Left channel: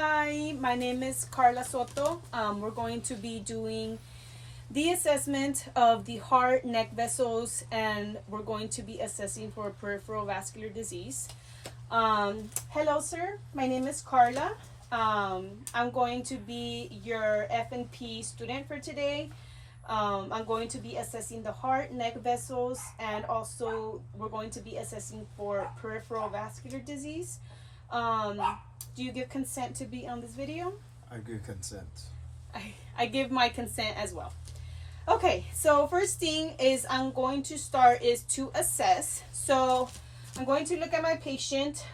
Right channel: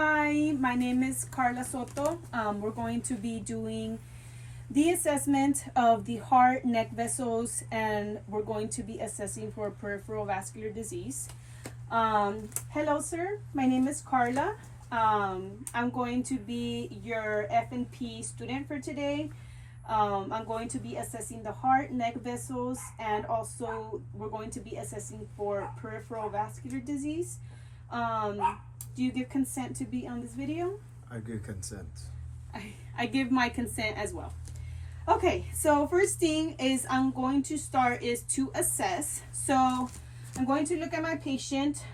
Hi, my name is Karla Soto. We're going to be doing the assessment of the heart, neck vessels, and we're going to be assessing for peripheral vascular disease. Hello, sir. My name is Karla. I'm going to be your F&P student for today. I'm going to be assessing the heart, neck vessels, and also we're going to be assessing for peripheral vascular disease. Do you give consent to be on this video? I give consent. I give my consent as well. Okay, so first thing is I'm going to start is to assess. So I'm going to look at my patient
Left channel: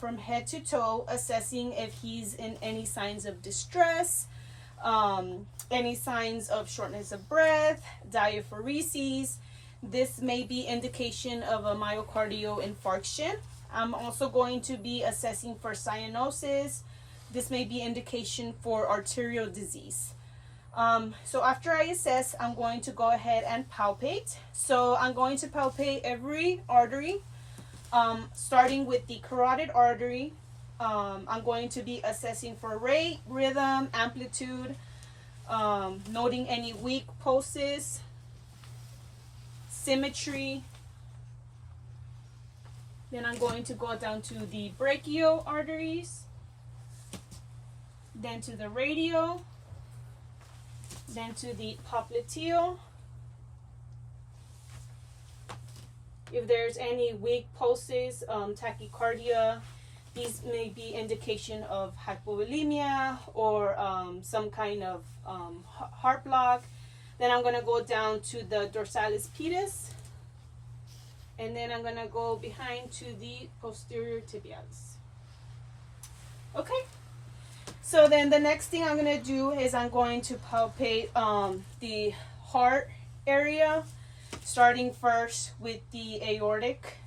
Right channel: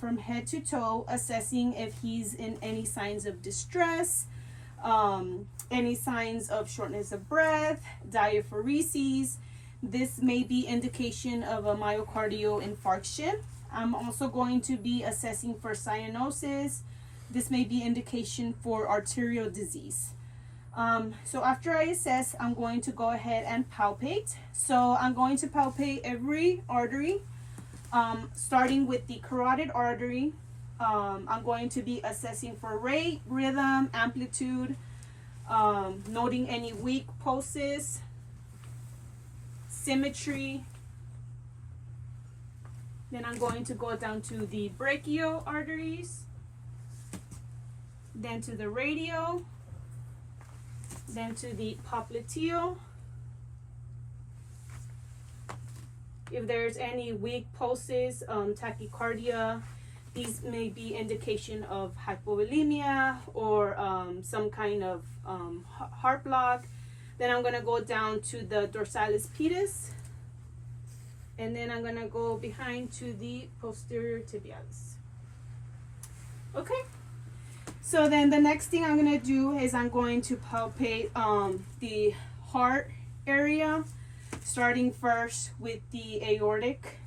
from head to toe, assessing if he's in any signs of distress, any signs of shortness of breath, diaphoresis. This may be indication of a myocardial infarction. I'm also going to be assessing for cyanosis. This may be indication for arterial disease. So after I assess, I'm going to go ahead and palpate. So I'm going to palpate every artery, starting with the carotid artery. I'm going to be assessing for rate, rhythm, amplitude, noting any weak pulses, symmetry. Then I'm going to go down to the brachial arteries, then to the radial, then to the popliteal. If there's any weak pulses, tachycardia, these may be indication of hypovolemia or some kind of heart block. Then I'm going to go down to the dorsalis pedis, and then I'm going to go behind to the posterior tibialis. Okay, so then the next thing I'm going to do is I'm going to palpate the heart area, starting first with the aortic,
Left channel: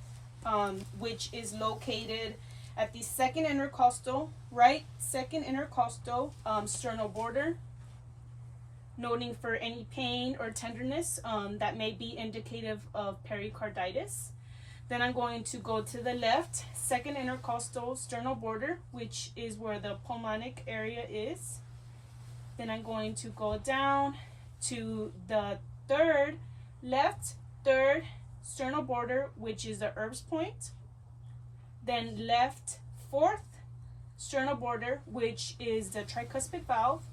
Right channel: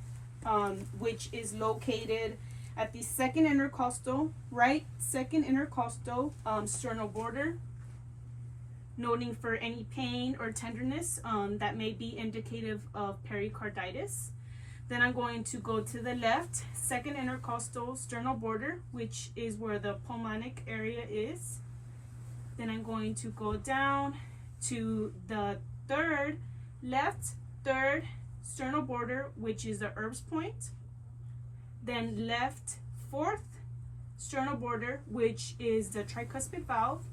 which is located at the second intercostal, right second intercostal sternal border, noting for any pain or tenderness that may be indicative of pericarditis. Then I'm going to go to the left, second intercostal sternal border, which is where the pulmonic area is. Then I'm going to go down to the left third sternal border, which is the Erb's point. Then left fourth sternal border, which is the tricuspid valve.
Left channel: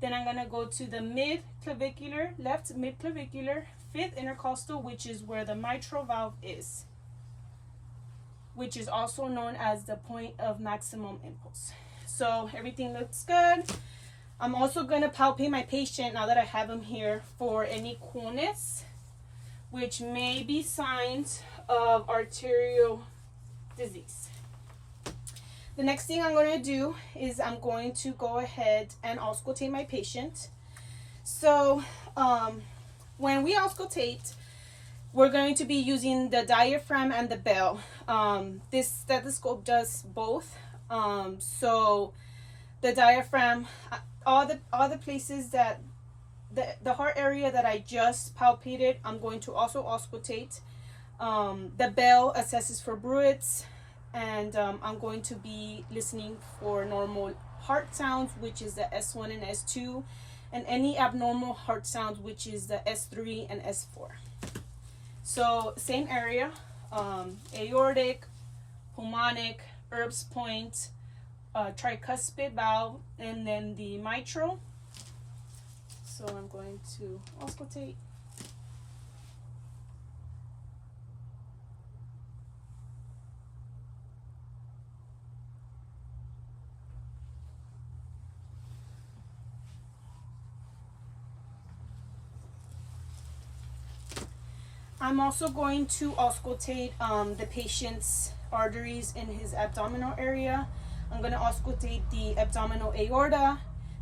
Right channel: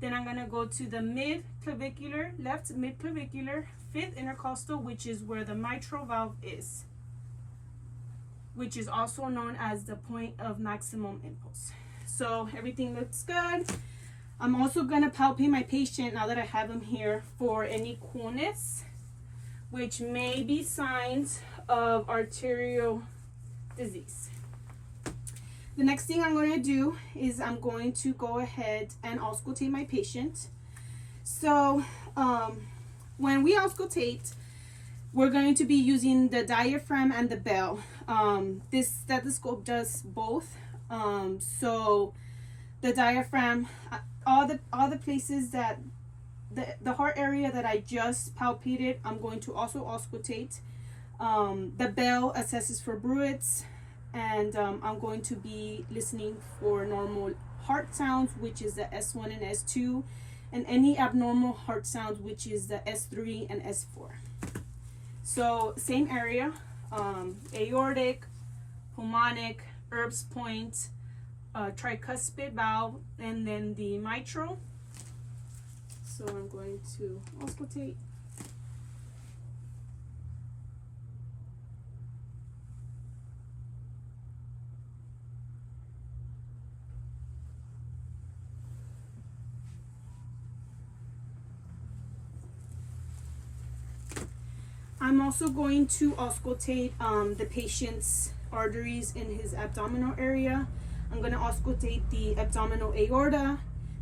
Then I'm going to go to the mid-clavicular, left mid-clavicular, fifth intercostal, which is where the mitral valve is, which is also known as the point of maximum impulse. So everything looks good. I'm also going to palpate my patient now that I have him here for any coolness, which may be signs of arterial disease. The next thing I'm going to do is I'm going to go ahead and auscultate my patient. So when we auscultate, we're going to be using the diaphragm and the bell. This stethoscope does both. So the diaphragm, all the places that the heart area that I just palpated, I'm going to also auscultate. The bell assesses for bruits, and I'm going to be listening for normal heart sounds, which is the S1 and S2, and any abnormal heart sounds, which is the S3 and S4. So same area, aortic, pulmonic, Erb's point, tricuspid valve, and then the mitral. So I'm going to auscultate. I'm also going to auscultate the patient's arteries in his abdominal area. I'm going to auscultate the abdominal aorta.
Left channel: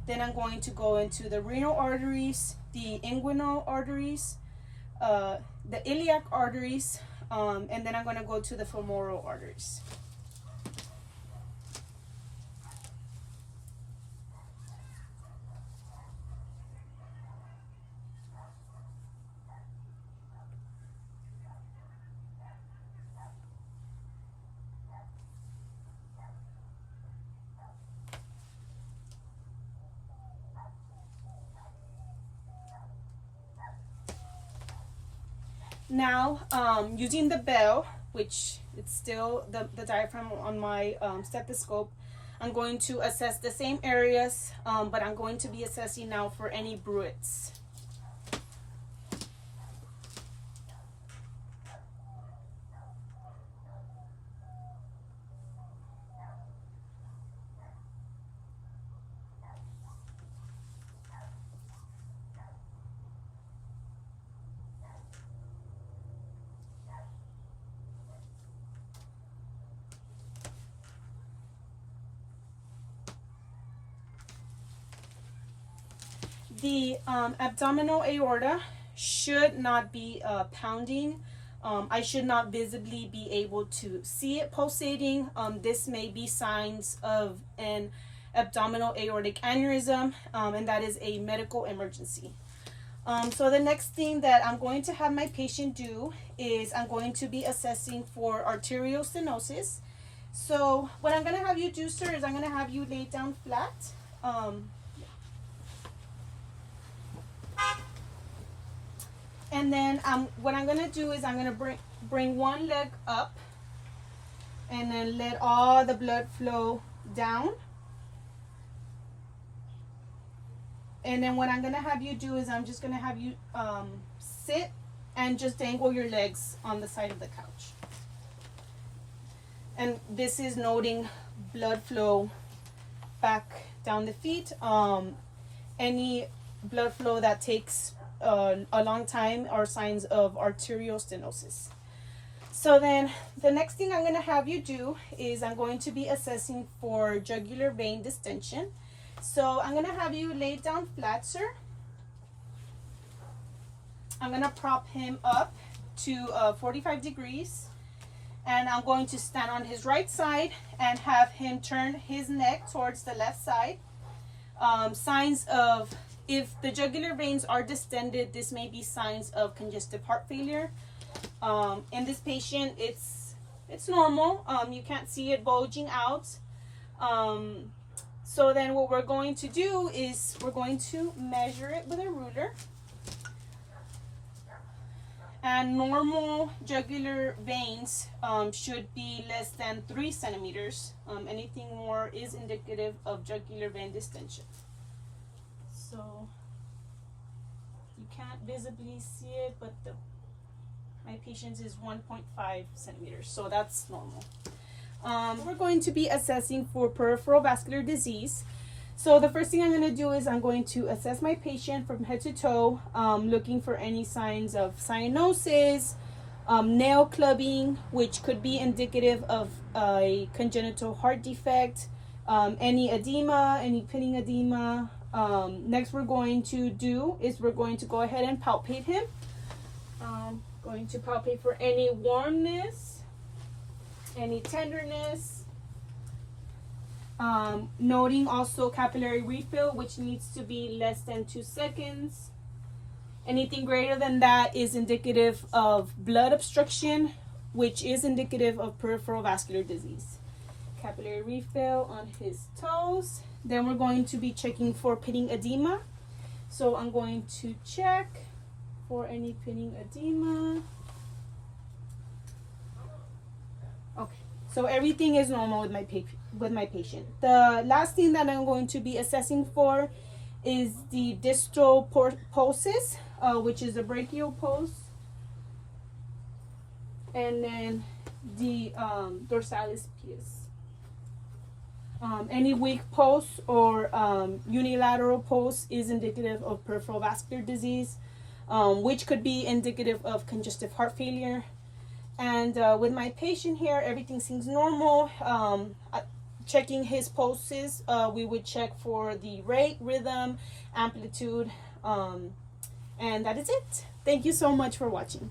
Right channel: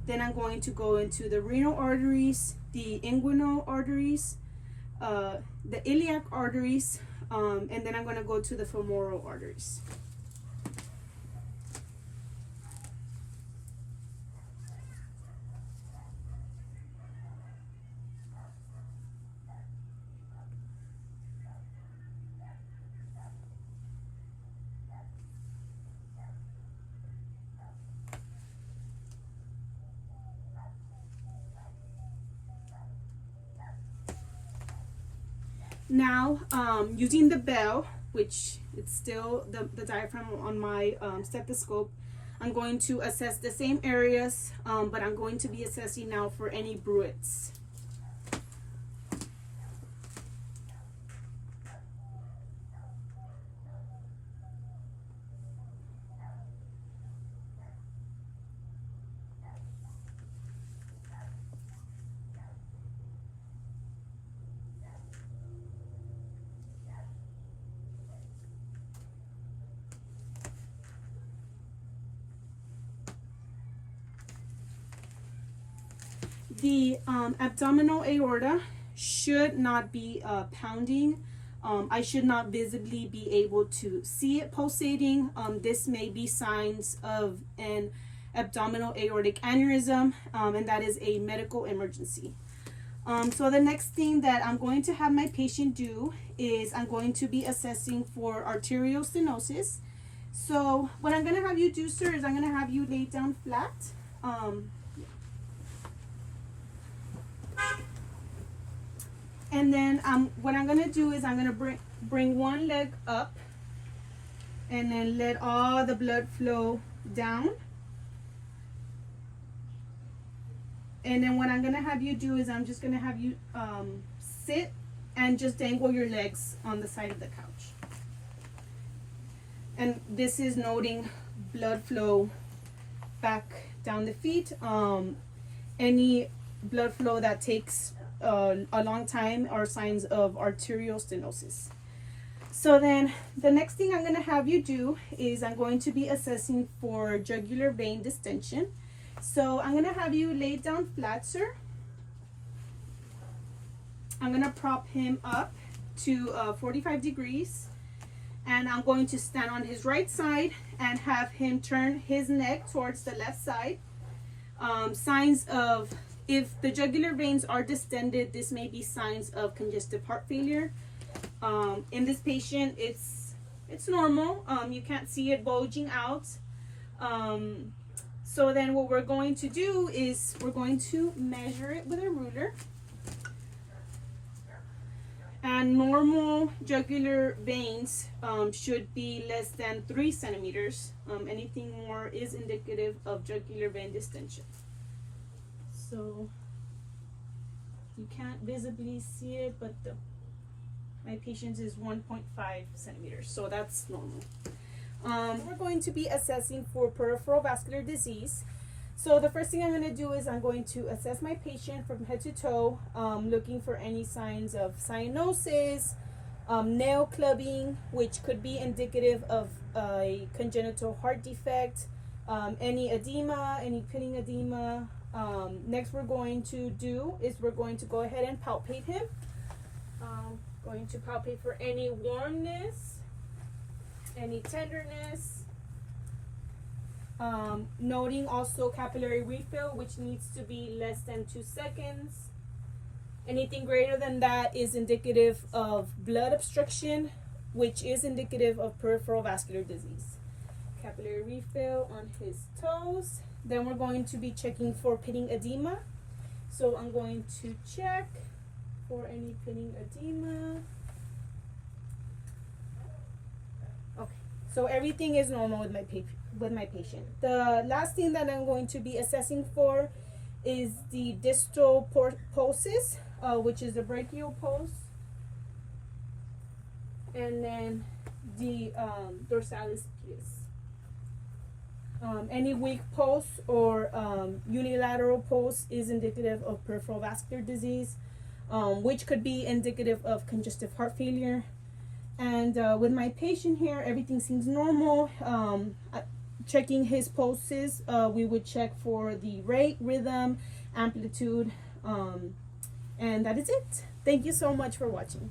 Then I'm going to go into the renal arteries, the inguinal arteries, the iliac arteries, and then I'm going to go to the femoral arteries. Now, using the bell, which it's still the diaphragm on my stethoscope, I'm going to assess the same areas, but I'm going to be assessing now for any bruits. The abdominal aorta should not be pounding. I should not visibly be able to see it pulsating. This may be signs of an abdominal aortic aneurysm, and that is a medical emergency. So the next thing that I'm going to have my patient do is I'm going to be assessing for arterial stenosis. So what I'm going to have you do, sir, is I'm going to have you lay down flat. And then what I'm going to do is I'm going to bring one leg up and then let all the blood flow down. And then what I'm going to have you do is I'm just going to have you sit and just dangle your legs on the side of the couch. And this is noting blood flow back down the feet. Any blood flow that takes a long time are signs of arterial stenosis. So then the next thing I'm going to have you do is I'm going to be assessing for jugular vein distension. So I'm going to have you lay down flat, sir. I'm going to prop him up to 45 degrees, and I'm going to stand on his right side and have him turn his neck towards the left side. Signs of, if the jugular veins are distended, this may be signs of congestive heart failure. In this patient, it's normal. You can't see it bulging out. So then what we're going to do is we're going to measure it with a ruler. And normal jugular veins should be less than 3 centimeters. Anything more is indicative of jugular vein distension. So you can't visibly see it, but my patient's is 1.5 centimeters, so that's normal. We're going to be assessing for peripheral vascular disease. So the first thing I'm going to do is I'm going to assess my patient from head to toe, looking for any signs of cyanosis, nail clubbing, which could be indicative of a congenital heart defect, any edema, any pitting edema. Next we're going to do is we're going to go ahead and palpate him. Going to palpate for any warmness, any tenderness. Noting also capillary refill, which needs to be less than 2 seconds. Anything greater than that is indicative of blood obstruction, which is indicative of peripheral vascular disease. Capillary refill on his toes. Then we're going to be checking for pitting edema. So I'm going to check for any pitting edema. Okay, so everything is normal with my patient. The last thing that I'm going to be assessing for is the distal pulses, which is the brachial pulse, and then the dorsalis pes. Any weak pulse or unilateral pulse is indicative of peripheral vascular disease, which could be indicative of congestive heart failure. And with my patient here, everything seems normal. Checking his pulses, we would check for the rate, rhythm, amplitude, and that is it. Thank you so much for watching.